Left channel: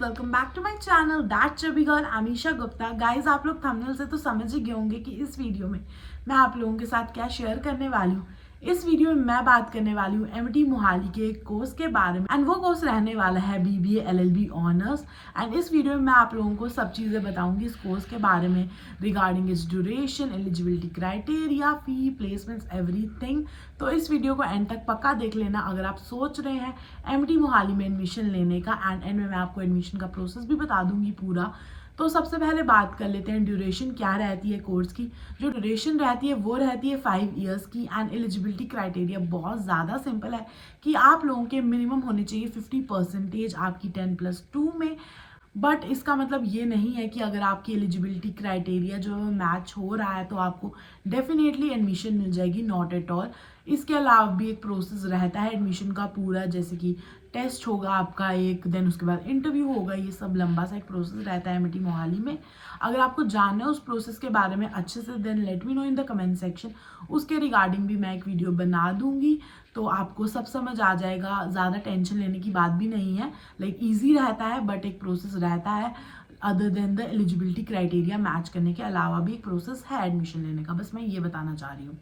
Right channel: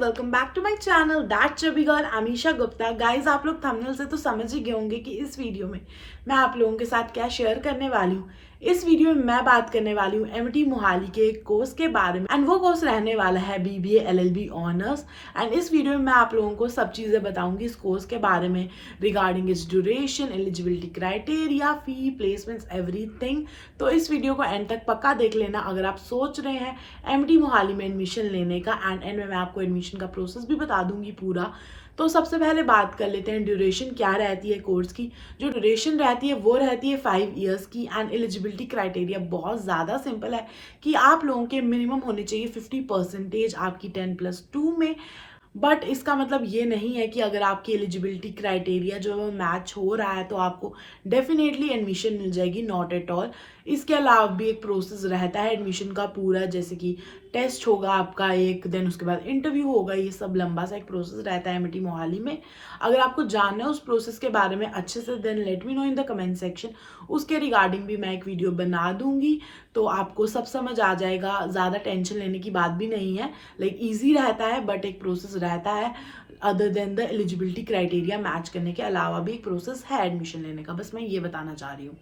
Welcome back to my channel that chubby girl Amisha Gupta. Guys, आप लोग thumbnail से तो समझ ही गए होंगे कि इस वीडियो में मैं आप लोगों के साथ क्या शेयर करने वाली हूँ। इस वीडियो में मैं बात करने वाली हूँ एमटी मोहाली के एक कोर्स के बारे में एंड वो कोर्स रहने वाला है बीबीए एलएलबी ऑनर्स। एंड इस वीडियो में मैं आप लोगों को सब चीज़ें बताऊंगी इस कोर्स के बारे में regarding it's duration, eligibility criteria, fee, placements, everything. तो इस वीडियो को एंड तक पक्का देख लेना अगर आप सोच रहे हैं एमटी मोहाली में एडमिशन लेने का। एंड में मैं आपको एडमिशन का प्रोसेस भी बता दूंगी पूरा। तो सबसे पहले बात कर लेते हैं ड्यूरेशन क्या रहती है कोर्स की। जो ड्यूरेशन रहती है वो रहती है 5 ईयर्स की। एंड एलिजिबिलिटी क्राइटेरिया बहुत ज़्यादा सिंपल है कि आप लोगों के मिनिमम होने चाहिए 50% आपकी 10+2 में। बट इसका मतलब ये नहीं है कि अगर आपकी एलिजिबिलिटी क्राइटेरिया जो है वो मैच हो रहा है तो आपको डेफिनेटली एडमिशन मिल जाएगी, नॉट एट ऑल। इसके अलावा भी एक प्रोसेस रहता है एडमिशन का पूरा, जैसे कि टेस्ट होगा आपका एक दिन, उसके बाद इंटरव्यू होगा। ये सब लंबा सा एक प्रोसेस रहता है एमटी मोहाली में। अगर आपको जानना है उस प्रोसेस के बारे में अच्छे से, then let me know in the comment section. उसके रिगार्डिंग भी मैं एक वीडियो बना दूंगी तो आपको सब समझ आ जाएगा। ज़्यादा टेंशन लेने की बात भी नहीं है, लाइक ईजी रहता है बट एक प्रोसेस रहता है। Other than the eligibility criteria match करने के अलावा भी एक प्रोसेस है एडमिशन लेने का, बस मैं ये बताना चाह रही हूँ।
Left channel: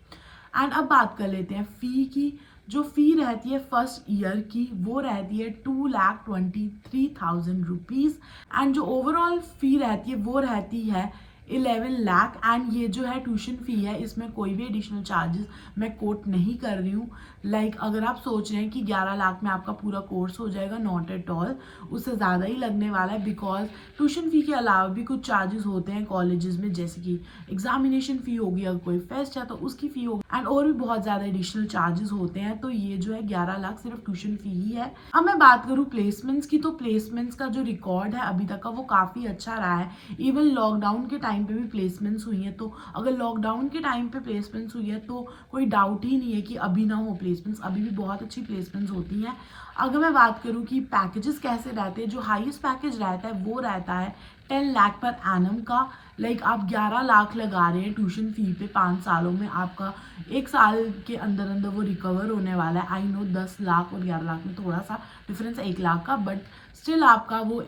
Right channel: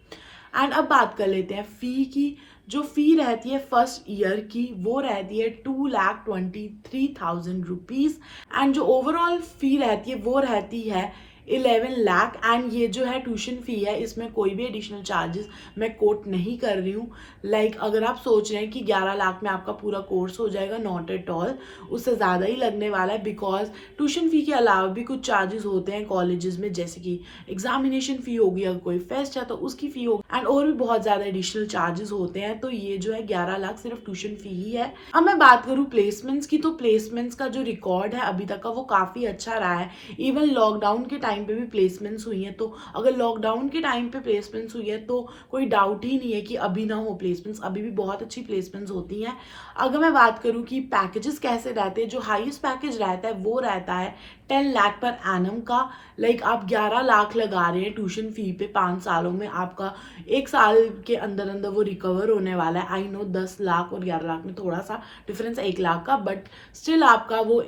एंड अब बात कर लेते हैं फ़ी की। जो फ़ी रहती है फर्स्ट ईयर की वो रहती है 2,23,000 रुपीज़। एंड जो ओवरऑल फ़ी रहती है वो रहती है 11 लाख। एंड ये जो है ट्यूशन फ़ी है, इसमें कोई भी एडिशनल चार्जेस मैं कोट नहीं कर रही हूँ। लाइक अगर आप सोच रहे हैं कि 11 लाख में आपका पूरा कोर्स हो जाएगा, नॉट एट ऑल, उससे ज़्यादा ही लगने वाला है। बिकॉज ट्यूशन फ़ी के अलावा भी कुछ चार्जेस होते हैं कॉलेजेस में, जैसे कि एग्जामिनेशन फ़ी होगी, अगर कोई फेस्ट है तो उसकी फ़ी होगी, एंड और भी बहुत ज़्यादा एडिशनल चार्जेस होते हैं। तो ये जो है 11 लाख सिर्फ ट्यूशन फ़ी ही है। अब मैं बात करूँ प्लेसमेंट्स की, तो प्लेसमेंट्स का जो रिकॉर्ड है अभी तक का वो काफ़ी अच्छा रहा है। इवन लॉकडाउन के टाइम पे भी प्लेसमेंट्स हुई हैं। तो अगर लॉकडाउन के टाइम पे प्लेसमेंट्स हुई है तो कोई डाउट ही नहीं है कि अभी ना हो प्लेसमेंट्स, अभी भी बहुत अच्छी प्लेसमेंट्स होती हैं। अगर मैं बात करूँ कि पैकेजेस कैसे रहते हैं, जो हाईएस्ट पैकेज रहता है वो रहता है 10 लाख पर एनम का। लाइक आप 11 लाख लगा रहे हैं ट्यूशन फ़ी पे 5 सालों में, आपका 1 साल के अंदर अंदर वो रिकवर होने वाला है। आई नो 10 लाख और 11 लाख में थोड़ा सा डिफरेंस 1 लाख का, बट स्टिल आपका वो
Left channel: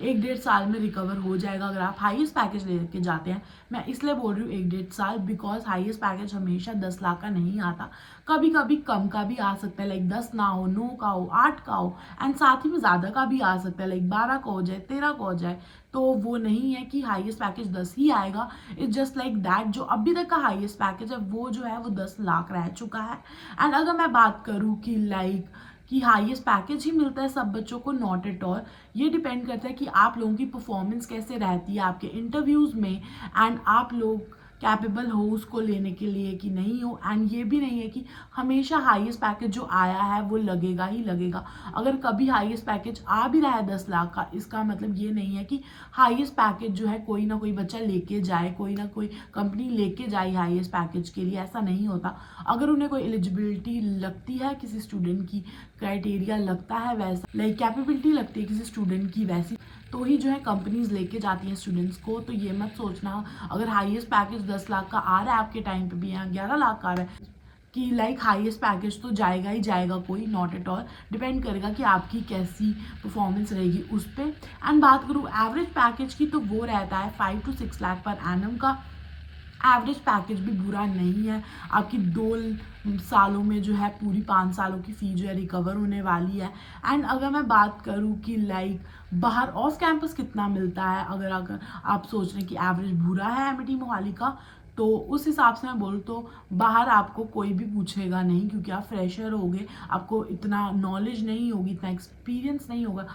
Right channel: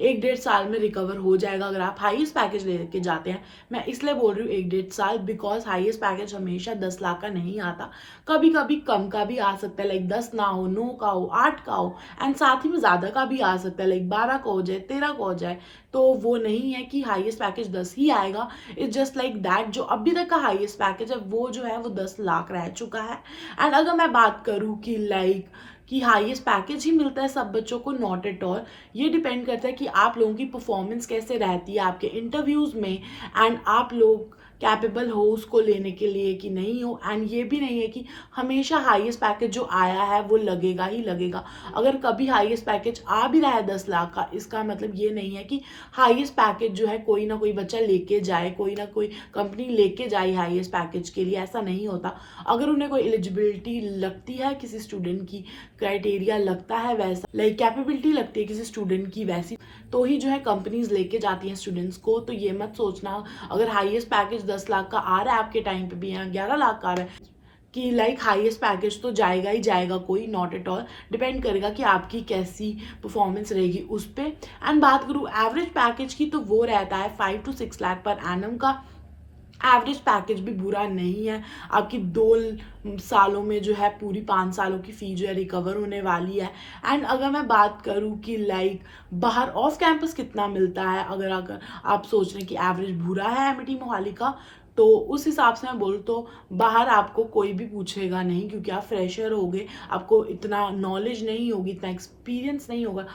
1-1.5 साल में रिकवर हो जाएगा अगर आप हाईएस्ट पैकेज लेके जाते हैं। मैं इसलिए बोल रही हूँ 1-1.5 साल, बिकॉज हाईएस्ट पैकेज हमेशा 10 लाख का नहीं आता, कभी कभी कम का भी आ सकता है, लाइक 10 ना हो, 9 का हो, 8 का हो, एंड साथ ही में ज़्यादा का भी आ सकता है, लाइक 12 का हो जाए, 13 का हो जाए। तो वो नहीं है कि हाईएस्ट पैकेज 10 ही आएगा। इट्स जस्ट लाइक दैट जो अभी तक का हाईएस्ट पैकेज है वो जो है वो 10 लाख रह चुका है। एंड अगर मैं बात करूँ कि लाइक कि हाईएस्ट पैकेज ही मिलता है सब बच्चों को, नॉट एट ऑल। ये डिपेंड करता है कि आप लोगों की परफॉर्मेंस कैसे रहती है आपके इंटरव्यूज़ में, एंड आप लोग कैपेबल हो उसको लेने के लिए कि नहीं हो। एंड ये भी नहीं है कि हमेशा हाईएस्ट पैकेज जो आया है वो लगेगा ही लगेगा। अगर कभी हाईएस्ट पैकेज आ भी रहा है 10 लाख का, इसका मतलब ये नहीं है कि हाईएस्ट पैकेज जो है कोई ना कोई बच्चा लेके जाए, कोई ना कोई कंपनी लेके जाए हाईएस्ट पैकेज के लिए, ऐसा नहीं होता। अगर उन्हें कोई एलिजिबिलिटी लगती है किसी स्टूडेंट की, क्राइटेरिया लगता है वैसा, लाइक कैपेबिलिटी लगती है किसी स्टूडेंट की वैसी, तो ही जो है कंपनीज लेके जाती हैं स्टूडेंट्स को। तो ये मत सोचना अगर हाईएस्ट पैकेज 10 लाख का आ रहा है आपके टाइम पे भी, यहाँ 11 लाख का आ रहा है, कि लाइक हाईएस्ट पैकेज तो जाएगा ही जाएगा कोई, नॉट एट ऑल। डिपेंड करेगा कि आपकी कैसी परफॉर्मेंस रहेगी उस पर। एंड बात करूँ एवरेज पैकेज की, तो वो रहता है 5 to 6 लाख पर एनम का। एवरेज पैकेज भी बुरा नहीं है। आपकी 2 सालों में जो है पूरी 5 सालों की फ़ी जो है रिकवर होने वाली है। एंड अगर मैं बात करूँ कि लाइक बाहर ऑफ कैंपस कितना मिलता है, अगर आप सोच रहे हैं कि एवरेज बुरा है एमटी मोहाली का, तो उस हिसाब से मैं बोलूँ तो बाहर आपको कोई भी पूछेगा नहीं, क्योंकि आप फ्रेशर होगे, आपको इतना नॉलेज नहीं होगी, इतना एक्सपीरियंस नहीं होगा,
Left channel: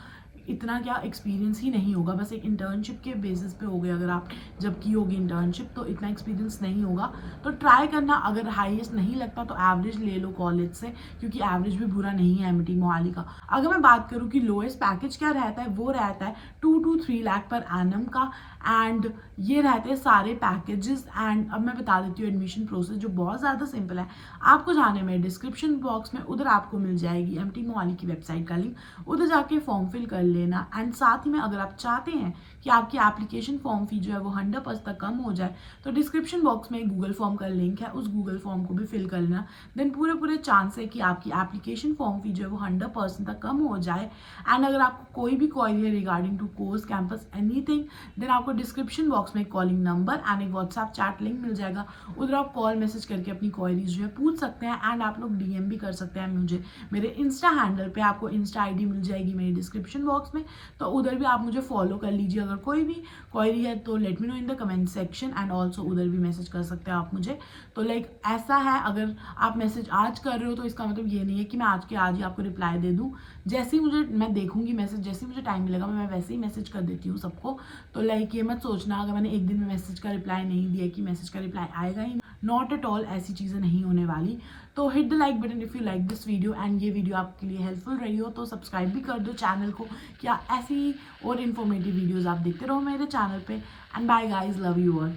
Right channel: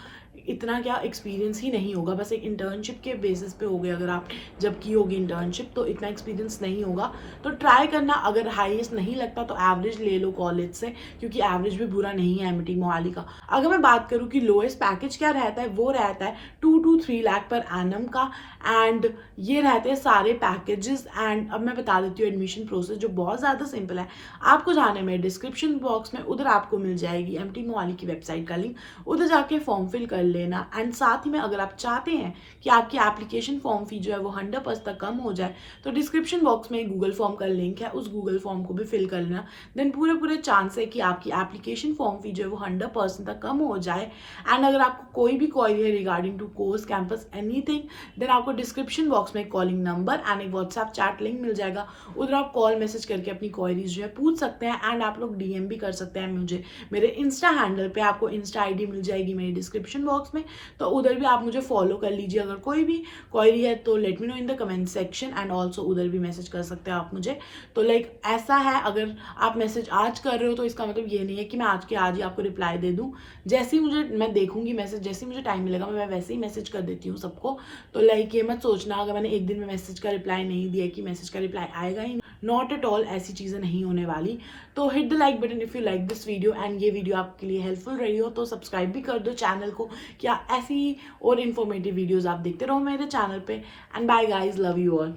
इतना क्या एक्सपीरियंस ही नहीं होगा, बस एक इंटर्नशिप के बेसिस पे हो गया। अगर आप जब की होगी इंटर्नशिप तो इतना एक्सपीरियंस नहीं होगा। तो ट्राई करना, अगर हाईएस्ट नहीं लगता तो एवरेज ले लो कॉलेज से, क्योंकि एवरेज भी बुरा नहीं है एमटी मोहाली का। अगर मैं बात करूँ कि लोएस्ट पैकेज क्या रहता है, वो रहता है 2 to 3 लाख पर एनम का। एंड ये रहते हैं सारे पैकेजेस। एंड अब मैं बता देती हूँ एडमिशन प्रोसेस जो बहुत ज़्यादा सिंपल है। आपको जाने में डिस्क्रिप्शन बॉक्स में, उधर आपको मिल जाएगी एमटी मोहाली की वेबसाइट का लिंक, उधर जाके फॉर्म फिल कर लेना। एंड साथ ही में अगर आप चाहते हैं कि आपकी एप्लीकेशन फॉर्म फी जो है वो 100% तक कम हो जाए तो डिस्क्रिप्शन बॉक्स में गूगल फॉर्म का लिंक है, उस गूगल फॉर्म को भी फिल कर लेना। देन पूरे चांस है कि आपकी एप्लीकेशन फॉर्म फी जो है वो 100% तक कम हो जाए। एंड अगर आपको कोई भी क्वेरी है regarding to course campus anything, then आपको डिस्क्रिप्शन बॉक्स में कॉलिंग नंबर एंड एक व्हाट्सएप चैट लिंक मिल जाएगा, उधर आप कॉल मैसेज करके अपनी क्वेरीज जो है पूछ सकते हैं। एंड आप लोग डीएम भी कर सकते हैं मुझे मेरे इंस्टा हैंडल पे, आपको इंस्टा आईडी मिल जाएगी मेरी डिस्क्रिप्शन बॉक्स में, तो उधर भी आप मुझे फॉलो कर लीजिए। अगर कोई भी क्वेरी है तो late me know in the comment section, and also उधर भी मैसेज कर सकते हैं आप मुझे। तो लाइक ऐसा है, अगर आप मैसेज आज कर रहे हो तो इसका मतलब ये नहीं है कि मैं आज के आज ही आपको रिप्लाई दे दूँ। जैसे ही मुझे, मैं देखूंगी मैसेज, जैसे ही मुझे टाइम मिलेगा मैं वैसे ही मैसेज कर देती हूँ सबको। तो लाइक ये मत सोचना अगर मैंने एक दिन में मैसेज का रिप्लाई नहीं दिया कि मैसेज का रिप्लाई आएगा ही, नॉट एट ऑल, ऐसी चीज़ें नहीं होने वाली। तो hit the like button if you like this video, and ये वीडियो आपके लिए हेल्पफुल रही हो तो सब्सक्राइब भी कर दो चैनल को, क्या ऐसी और इन्फॉर्मेटिव वीडियोज़ आप देखते रहो मेरे चैनल पे। And bye guys, love you all.